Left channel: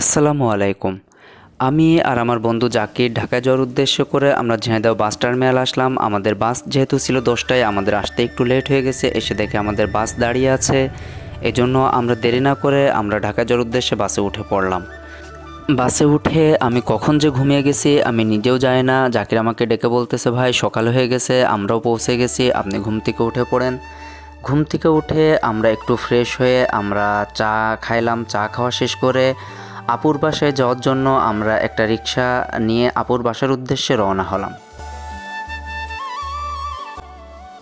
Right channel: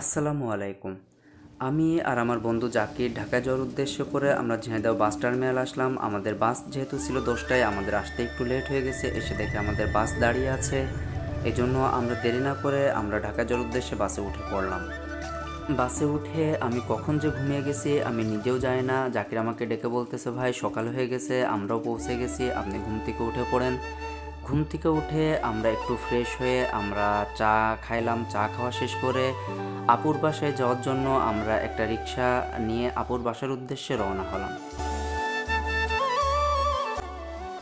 আসসালামু আলাইকুম। আমি আর আমার বন্ধু জাকির ঢাকায় যাওয়ার উদ্দেশ্য করে আমরা ঝিনাইদহ বাস টার্মিনাল আসলাম। আমাদের বাস যেহেতু ছিল 10টায়, আমাদের আসতে একটু লেট হয়ে গেছে। এসে দেখে আমাদের বাস দাঁড়িয়ে আছে। এজন্য আমরা দেরি না করে আমরা ঢাকায় যাওয়ার উদ্দেশ্যে বাসে উঠে পড়লাম। বাসে উঠে আমি কখন যে ঘুমিয়ে গেছি আমি নিজেও জানি না। জাকির আমাকে ডেকে বলতেছে, ভাই সকাল হয়ে গেছে, আমরাও পৌঁছে গেছি, আপনি ঘুম থেকে উঠে পড়েন। ঘুম থেকে উঠে আমরা একটু ফ্রেশ হয়ে আমরা চা খাইলাম। চা খাওয়া শেষ করে আপুর বাসায় যাওয়ার জন্য আমরা একটা রিক্সা নিয়ে আপুর বাসার উদ্দেশ্যে রওনা হলাম।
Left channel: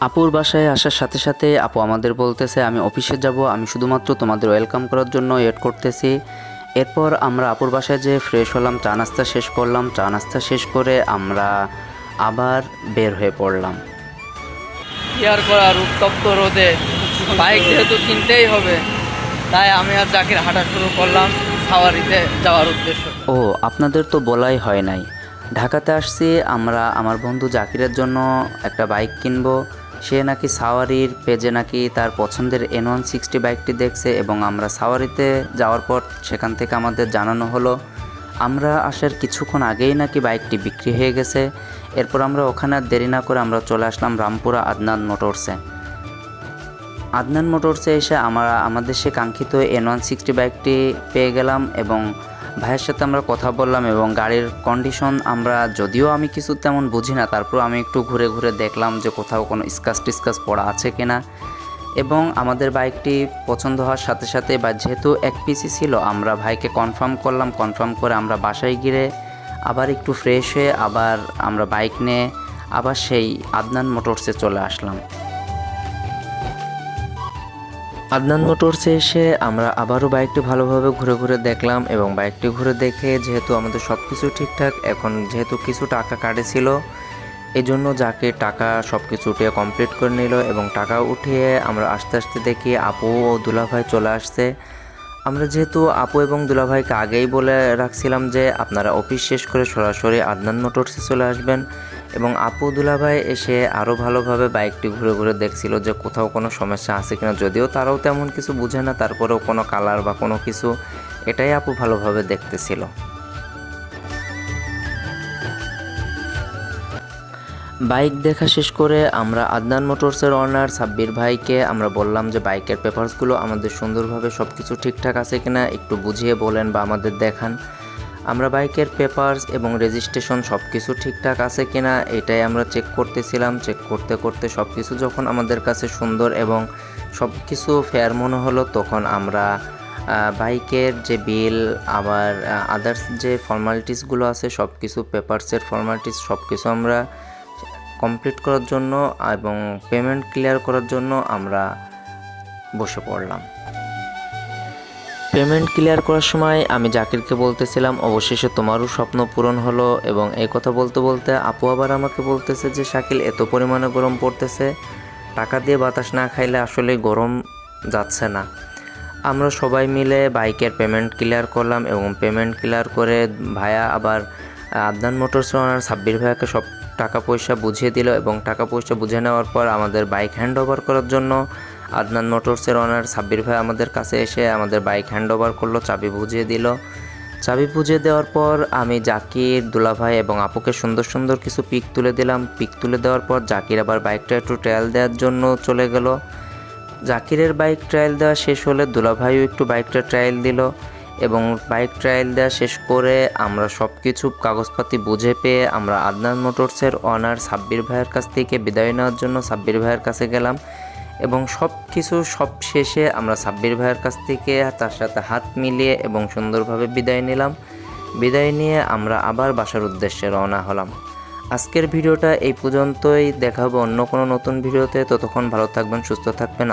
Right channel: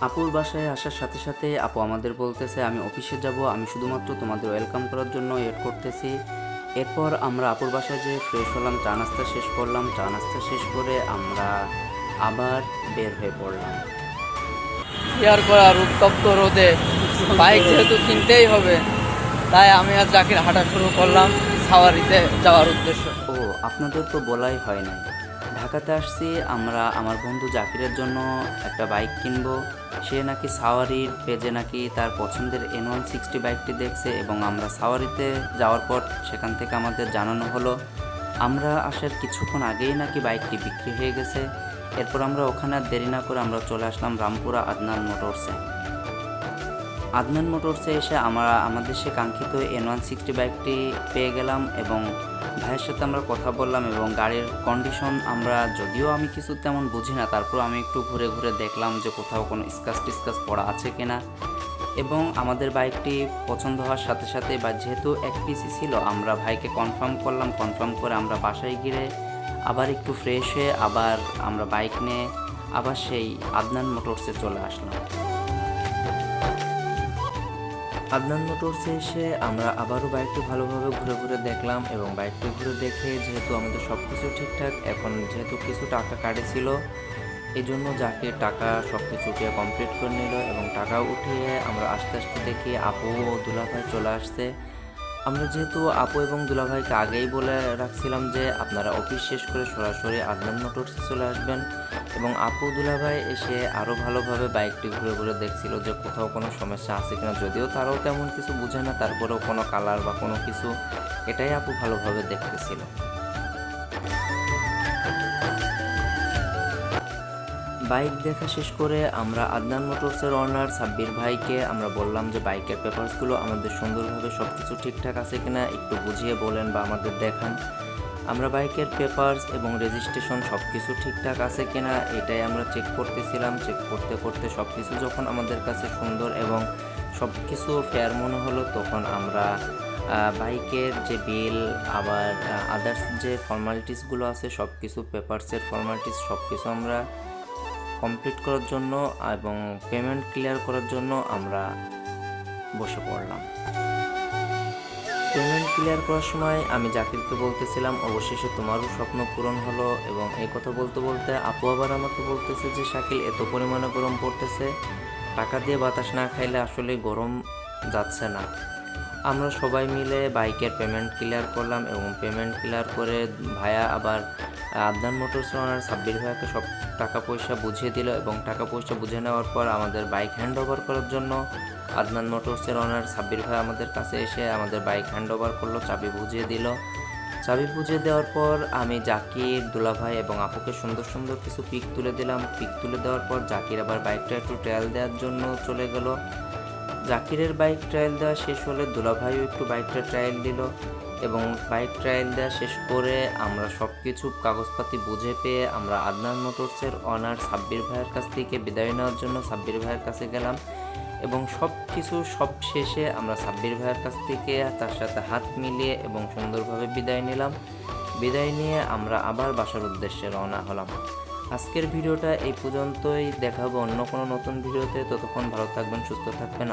আপুর বাসায় আসার সাথে সাথে আপু আমাদের বলতেছে, আমি অফিসে যাব, আমি শুধুমাত্র তোমাদের ওয়েলকাম করার জন্য ওয়েট করতেছি। এরপর আমরা আপুর বাসায় যেয়ে ফ্রেশ হলাম, চা নাস্তা শেষ করলাম। চা নাস্তা শেষ করে আমরা আবার বের হয়ে পড়লাম। কি আর করার, উত্তপ্ত রোদে বাইক যেহেতু কিনতেই হবে, তাই আমি আর জাকির হাঁটা শুরু করলাম সাওয়ারিতে যাওয়ার উদ্দেশ্য। ও, আপনাদের তো বলাই হয় নাই, ঢাকাতে আসছি আমরা আমার বন্ধু জাকিরের জন্য একটা বাইক কিনবো। সে নাকি সাওয়ারির পেজে নাকি তার পছন্দের N160 বাইকটি দেখছে এবং আমরা সাওয়ারিতে যাওয়ার পর সেখান থেকে আমাদের জানানো হলো আমরা আসার কিছুক্ষণ আগেই নাকি বাইকটি বিক্রি হয়ে গেছে। এরপর আমরা ওখানে আর দেরি না করে আমরা চলে আসলাম রামপুরা আদনান মোটরসে। আদনান মোটরসে এসে আমরা আমাদের সে কাঙ্ক্ষিত N160 বাইকটি পেয়ে গেলাম এবং ভাইয়ের সাথে আমরা কথা বললাম এবং গাড়ির কন্ডিশন আমরা, যদিও আমি কিছু তেমন বুঝি না, তারপর আমি একটু ঘুরে ঘুরে দেখলাম যে কোথাও কোনো স্ক্র্যাচ টিস্ক্র্যাচ পড়া আছে কিনা। এবং আমাদের বাইকটি পছন্দ হওয়ার সাথে সাথে বা যেহেতু এক পিসি ছিল, আমরা ভাইকে কনফার্ম করলাম। কনফার্ম করে আমরা বাসায় গিয়ে আবার একটু ফ্রেশ হয়ে আবার আমরা বাইক নিয়ে আবার সেই আদনান মোটরসে চলে আসলাম। আদনান মোটরসে এসে আমরা আবারও বাইকটি ভালোভাবে ঘুরে ঘুরে দেখলাম এবং বাইকটি ঘুরে দেখে যেহেতু আমাদের সব কিছু ঠিকঠাক, এখন যেহেতু কিছু টাকা কাটেছিল এই জন্য যাকে টাকা সব কিছু উঠিয়ে কমপ্লিট করে নিল এবং টাকা উঠিয়ে আমরা আস্তে আস্তে দেখি আপু ও দুলাভাই চলে আসছে। আমরা যেহেতু আপু এবং দুলাভাইকে আগেই বলে রাখছিলাম যে আপনারা অফিস শেষ করে সরাসরি আদনান মোটরসে চলে আসবেন, এবং আপু দুলাভাই এসে আরও ভালোভাবে বাইকটি ঘুরে ঘুরে দেখছিল যে কোথাও কোনো সমস্যা আছে কিনা। যদিও তারাও তেমন কিছু বুঝে না, তারপরেও কোনো কালার বা কোনো কিছু, এটাই আপু ভালোভাবে দেখতেছিল। বাইক দেখা শেষ করে আমরা আদনান মোটরসের ওনার সাব্বির ভাইকে আমরা বললাম যে বাইকের পেপারসগুলো আমাদের সুন্দরভাবে সব কিছু ঠিকঠাক আছে কিনা একটু বুঝিয়ে বলেন বা আমাদের দেখান। আমরা বাইকের পেপারস এবং রেজিস্ট্রেশন সব কিছু ঠিকঠাক আছে কিনা এটাই আমরা চেক করতেছিলাম। চেক করতে করতে সব কিছু যখন আমাদের কাছে সুন্দর এবং সব কিছু ফেয়ার মনে হলো, তখন আমরা বাইকের যে বিল আবার আদার্স যে ফর্মালিটিসগুলো আছে সব কিছু, পেপারসের ফর্মালিটিস সব কিছু আমরা কমপ্লিট করার জন্য এবং পেমেন্ট ক্লিয়ার করার জন্য আমরা বসে পড়লাম। পেমেন্ট ক্লিয়ার করার সময় আমি জাকিরকে বলতেছিলাম অবশেষে তোমারও স্বপ্ন পূরণ হলো, এবং এই কথা বলতে বলতে আপু আবার আমাকে বলতেছে যে শাকিল এত পরিমাণে গরম পড়তেছে, টাকা দিয়ে বাতাস না খাইলে আসলে গরম যাচ্ছে না। আমরা সবাই মিলে বাইকের পেমেন্ট ক্লিয়ার করলাম এবং পেমেন্ট ক্লিয়ার করে ভাইয়া আবার আদনান মোটরস ওনার সাব্বির ভাইয়াকে সব টাকা পয়সা বুঝিয়ে দিল এবং টাকা পয়সা বুঝে নেওয়ার পর আমাদের বাইক হ্যান্ড ওভার করার জন্য আদনান মোটরসের ওনার সাব্বির ভাই আমাদের কাছে এসে আমাদের বাইক হ্যান্ড ওভার করলো, চাবি বুঝিয়ে দিল। চাবি বুঝিয়ে দেওয়ার পর আমি জাকির, দুলাভাই এবং আপুকে সুন্দর সুন্দর কিছু পিক তুলে দিলাম। পিক তুলে দেওয়ার পর জাকির আবার বাইকটা একটু ট্রায়াল দেওয়ার জন্য চলে গেল। জাকিরের বাইক ট্রায়াল দেওয়া শেষ হলে দুলাভাইও একটু বাইকটা ট্রায়াল দিল এবং বাইক ট্রায়াল দেওয়া শেষ করে আমরা সব কিছু কাগজপাতি বুঝে পেয়ে আমরা আদনান মোটরসের ওনার সাব্বির ভাইয়ের কাছ থেকে বিদায় নেওয়ার জন্য সাব্বির ভাইয়ের কাছে গেলাম এবং সব কিছু সব শেষে আমরা সাব্বির ভাইয়ের কাছ থেকে তার সাথে হাত মিলিয়ে এবং সুন্দরভাবে বিদায় নিলাম। বিদায় নিয়ে আমরা আবার বাসার উদ্দেশ্যে রওনা হলাম। আজকের ভিডিওটা এই পর্যন্তই, দেখা হবে অন্য কোনো নতুন ভিডিওতে। ততক্ষণ ভালো থাকবেন, সুস্থ থাকবেন।